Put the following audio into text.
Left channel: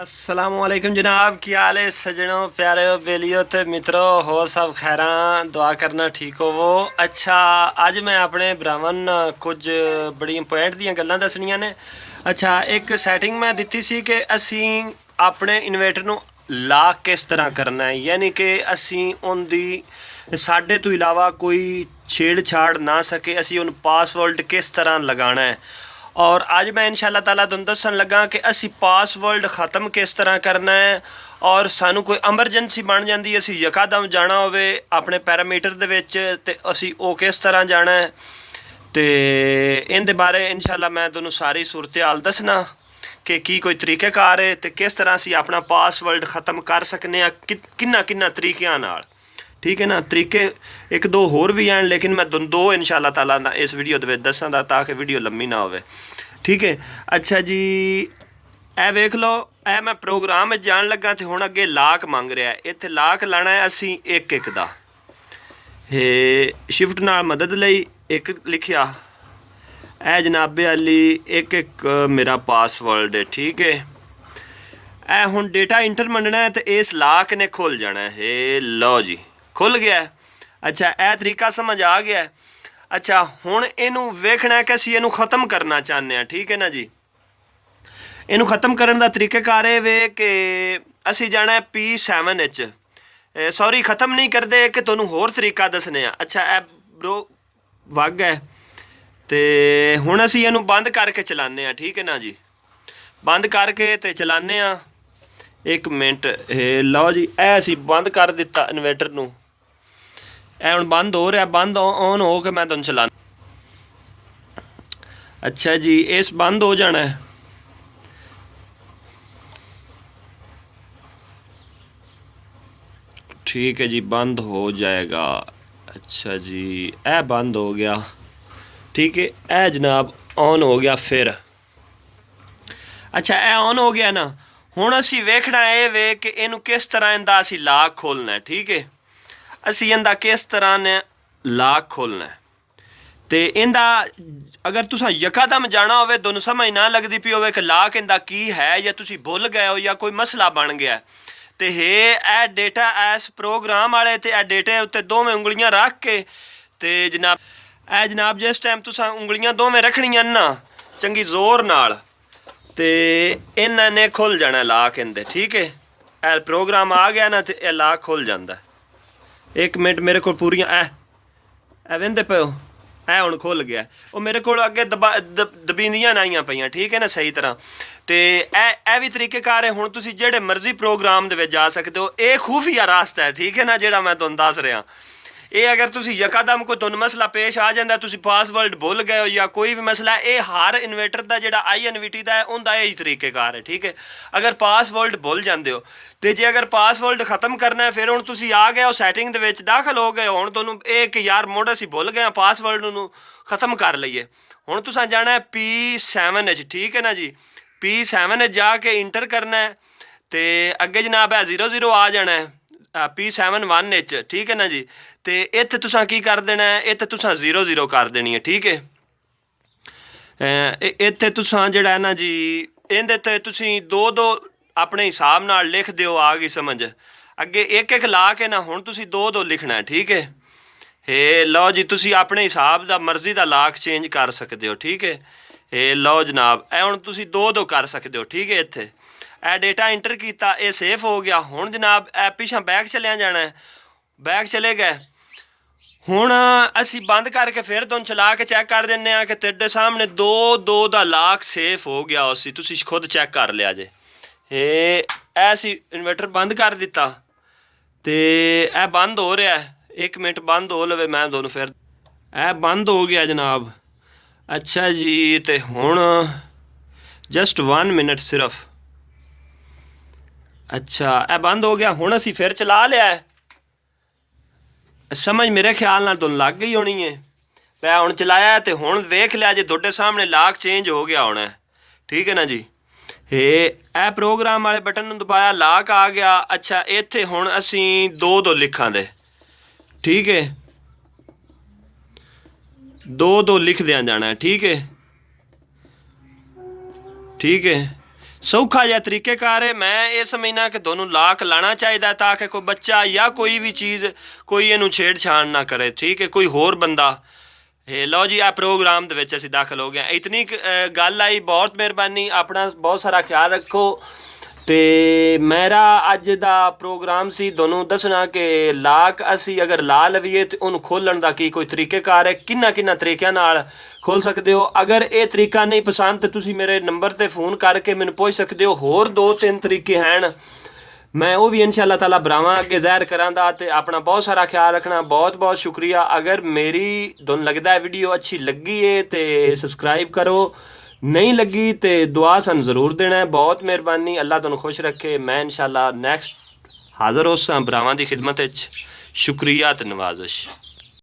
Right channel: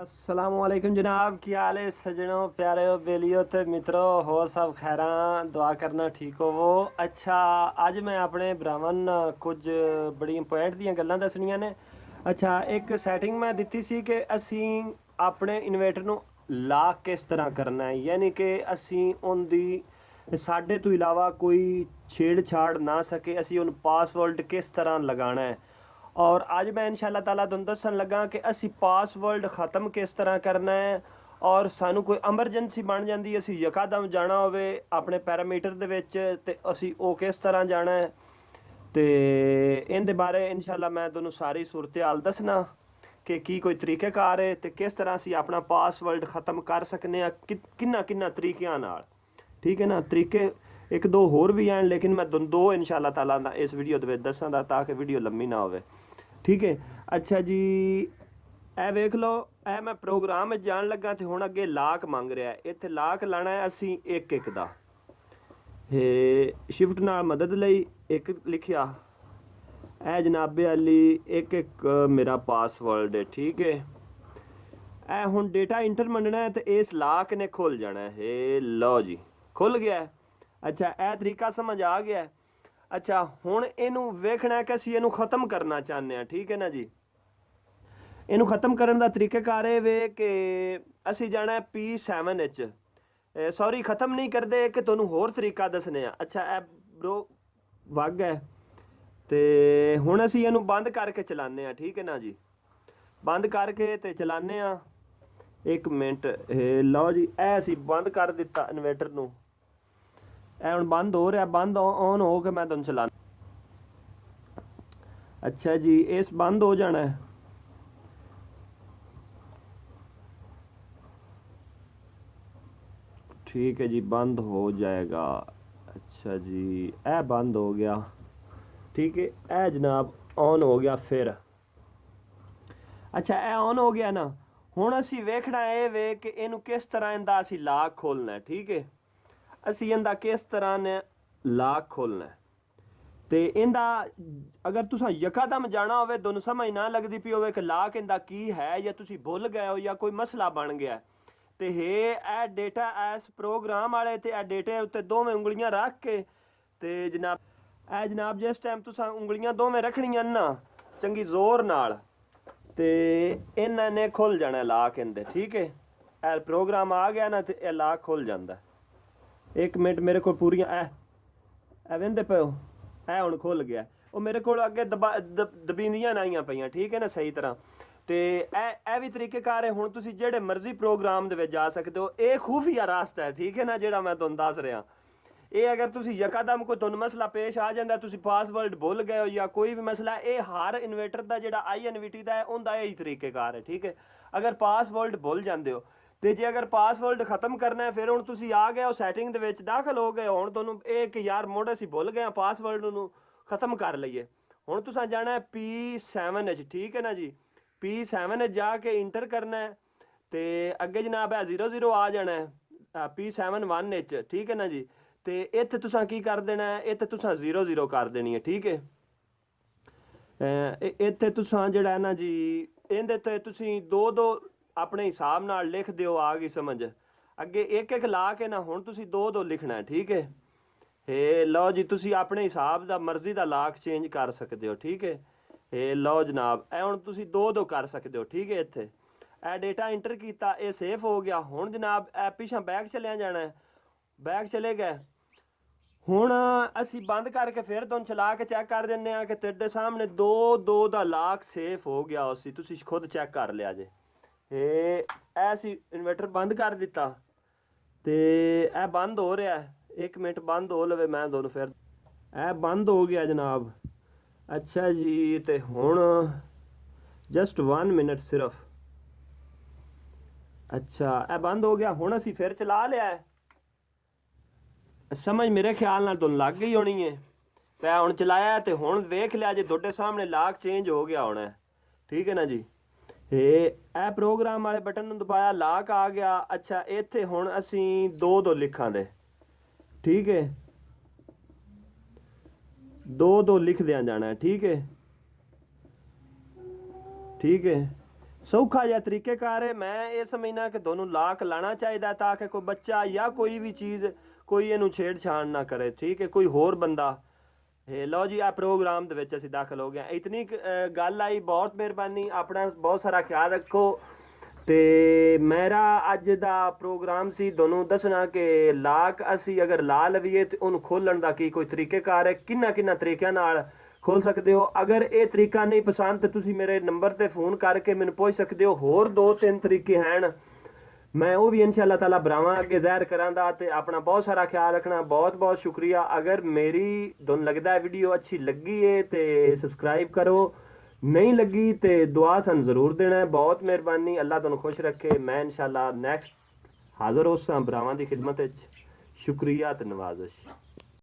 असलामुअलैकुम जनाब, की हाल है सजनों, प्यारे बेलियो ते मित्रों, होर सब खैर, दुआ करना ठीक होवो। अच्छा, अज मैं अपने भरावां कुछ बड़ी इंपोर्टेंट दी गल्लां दसनियां ने। अच्छा, एक सैटिंग मैं दित्ती सी कि असी अपने इन्वेटर नूं लॉक किस तरह करना है, यानी कि असी उनदी साडे तो इलावा कोई छेड़छाड़ ना सके, असी उन पासवर्ड किस तरह लगाना है। और अज मैं इंशाअल्लाह ताला तुहानूं दस्सण लगा कि असी पासवर्ड ख़त्म किस तरह करना है। और सानू कोई एमरजेंसी बन जाती, असी यकादम जाना होवे अपने पैरामीटर दे विच ते असी वो किस तरह जाना है, तो इहदे बारे इंशाअल्लाह मैं तुहानूं सारी सूरत हाल दसना कि की कोई तरीक़ेकार है तो किस तरह असी अपना पासवर्ड ख़त्म कर सकने, किन्ना किन्ना तरीक़िਆਂ नाल। ठीक है ना, तरीके एक दो होर भी हैं, लेकिन मैं दो इंशाअल्लाह ताला इस वीडियो दे विच दस्सां ताकि वीडियो लंबी ना होवे। ठीक है। अच्छा जी, ए वेख लो, ए मैं प्रोग्राम जान लगा तो हुण अगे लाक मंग रहा है। इत्थे लाक लाना है असी एक एक दा, शिफ्ट नाल मदद लई एक लिखिया, ए जनाबे अली एक एक मेरा पासवर्ड है। ठीक है, ए हुण डेटा इंटर मंगना है तो इस लाक ने खुल जाना है। लो जी, खुल गया है। अच्छा, ए तरीका समझ आ गया है। अच्छा, हुण इनू वेखना है कि असी इनू ख़त्म करना चाहते हैं। ठीक है ना जी, इनू ख़त्म करने का तरीक़ेकार ये वे कि असी जाना है P7 सॉरी ख़त्म नहीं करते कि तुहानूं होर तरीका दसने। अच्छा, ए ब्रो वग है तो हुण असी इनू बंद करके चलाने हैं। ठीक है ना जी, बंद करके तो चलाने। एक मिनट, लो जी, ए असी बंद कर दिता इन्वेटर नूं, ए हुण बंद हो रहा, बंद ऑन हो के मैं तुहानूं चलाना। अच्छा जी, इस बंद हो जाना है। ठीक है जी, बंद हो जाएगा। अच्छा जी, ए बंद हो गया। ठीक है, ए जनाब ऑन हो गया फिर। अच्छा, ए ऑन हो गया ना, हुण असी वेखना है वे कि इनू किस तरह इंदा असी लाक खोलना है। ठीक है, असी इंदा किस तरह ने लाक खोलना है तो इंदा अगर तुसा यकादम जाना होवे, दोनों समझ ना लगती पी होवे कि लाक इंदा की है, या तुसी भुल गए हो या कोई मसला बन गया तो ए डेटा इस प्रोग्राम वाले ते ए डेटे उत्ते दोवें उंगलियां रख के ते जनाब जिस टाइम तुसा उंगलियां दोवें रखनियां ना चंगी जोर नाल ते इन्हां ने खुल जाना लाक इंदे। ठीक है, ए प्रोग्राम आ गया ना तो यह लाक खुल जाता। एक मिनट, मेरे को पूरियां ए वेंदे पे हो, ए हुण खुल गया। वो मेरे को अगे दबींदियां ना आईयां पईयां। ठीक है ना, सही तरह तो ए भी तरीक़ेकार है। हुण तुसीं जेड़े मर्जी प्रोग्राम दे विच जा सकते हो, ये खुफिया रास्ता है। ठीक है ना, जेड़ा मैं तुहानूं दस रहा, ये अगर तुसीं यकादम कोई तुहानूं मसला पेश आ जाता, तुसीं पासवर्ड भुल गए हो या कोई भी मसला है, ये हर इन्वेटर का जिहड़ा INVT का है उनका यही तरीक़ेकार है। ठीक है, अगर पासवर्ड भुल जाते हो तो जे अगर पासवर्ड ख़त्म करना है, फिर हुण तुसीं आ गए हो सैटिंग दे विच दाखिल हो गए, हुण तुहानूं ये कि यार मुड़ असीं भुल गए पासवर्ड नूं ख़त्म कर लईए। हुण तुसां जाना है P7। ठीक है ना जी, P7 जाके इंटर करना है तो अगे जनाब है 00 आ जाना है P7 ठीक है ना जी, तो इत्थे तुसां की कर देना है, इत्थे तुसां 00 कर देनी है। ठीक है, इत्थे तुसां जिहड़ा है ना जी, इहदे ते तुसीं दो दो अपने हिसाब नाल लिख दिओ, आ गई समझ। अगे एक एक ला के ना हुण तुसीं दो दो लिखना है। ठीक है, लो जी, तुसीं अपने हिसाब दा मर्जी दा लाक चेंज कर सकते हो। ठीक है, लो जनाब, ए हुण तुसीं दो दो कर सकते हो। ठीक है, इत्थे ए डेटा इंटर किया, ये सेफ हो गया। हुण जनाब ए पिछां बैक चलिया जाना है, बैक चले गए। हुण असी बंद करके फिर तुहानूं चला के चैक कर दिंदे आ कि तेरे सामने दो दो दा लाक सेफ हो गया। उसी तुसीं खुद चैक कर लिया जे। असी इन्वर्टर बंद कर दिता तो यह बंद हो रहा है। एक मिनट बंद हो लवे, मैं दोनों फिर यह बंद हो गया जनाब। अच्छा जी, तो हुण जस्ट 1 मिनट सिर्फ। अच्छा, यह बंद हो गया। हुण असी फिर चला लिया है, समझ मेरे ख्याल नाल तुहानूं लग गई होनी है। मैं हुण चलाया तो हुण वेख लिया जे तुहाडे सामने लाक चेंज हो गया होना है। ठीक है ना जी, ए प्रोग्राम वाले बटन नूं दबाया, लाक आ गया। अच्छा, इत्थे हुण असी दो दो लिखां दे। ठीक है, दो दो लिख दिया जाना है। ठीक है, ठीक है, ਸੌਖਾ ਜਿਹਾ ਤਰੀਕੇਕਾਰ ਹੈ। ਮੈਂ ਇਹ ਸਮਝਣਾ ਕਿ ਤੁਹਾਨੂੰ ਲਾਕ ਲਾਣਾ ਚਾਹੀਦਾ ਤਾਂ ਕਿ ਕੋਈ ਬੱਚਾ ਜਾਂ ਕੋਈ ਵੀ ਚੀਜ਼ ਕੋਈ ਇਹਨੂੰ ਛੇੜਛਾੜ ਨਾ ਕਰੇ। ਠੀਕ ਹੈ, ਕੋਈ ਹੋਰ ਬੰਦਾ। ਇਹ ਲਓ ਜੀ, ਆ ਪ੍ਰੋਗਰਾਮ ਦੇ ਵਿੱਚ ਅਸੀਂ ਦਾਖਲ ਹੋ ਗਏ। ਇਤਨੀ ਗੱਲ ਆਈ, ਬਹੁਤ ਮਿਹਰਬਾਨੀ, ਆਪਣਾ ਬਹੁਤ ਸਾਰਾ ਖਿਆਲ ਰੱਖੋ। ਤੇ ਮੇਰਾ ਅੱਜ ਦਾ ਪ੍ਰੋਗਰਾਮ ਸੀ ਤੁਹਾਨੂੰ ਦੱਸਣਾ ਕਿ ਲਾਕ ਅਸੀਂ ਅਗਰ ਲਾ ਲਵੀਏ ਤੇ ਉਹਨੂੰ ਖੋਲ੍ਹਣ ਦਾ ਕੀ ਕੋਈ ਤਰੀਕੇਕਾਰ ਹੈ, ਕਿੰਨਾ ਤਰੀਕਿਆਂ ਨਾਲ ਖੋਲ੍ਹ ਸਕਦੇ ਹੋ। ਅਗਰ ਇਹ ਤਰੀਕਾ ਨਹੀਂ ਪਸੰਦ ਤਾਂ ਤੁਸੀਂ ਮੇਰੇ ਨੰਬਰ ਤੇ ਫੋਨ ਕਰਕੇ ਮੈਨੂੰ ਪੁੱਛ ਸਕਦੇ ਹੋ। ਹੋਰ 2-3 ਤਰੀਕੇ ਹਨ, मैं वो भी इंशाअल्लाह ताला बरावां अगे ज़ाहिर करांदा। ते अपना बहुत सारा ख्याल रखना। बहुत बहुत शुक्रिया। अगर मेरी तुहानूं लगदा है वीडियो अच्छी लगी है तो सबसक्राइब करो, नहीं लगी तो दुआ सन ज़रूर देना है। बहुत मेहरबानी, अल्लाह तुहानूं खुश रखे। मैं इंशाअल्लाह नैक्सट हाज़र होसां बरावां दी खिदमत विच। शुक्रिया ते नवाज़िश।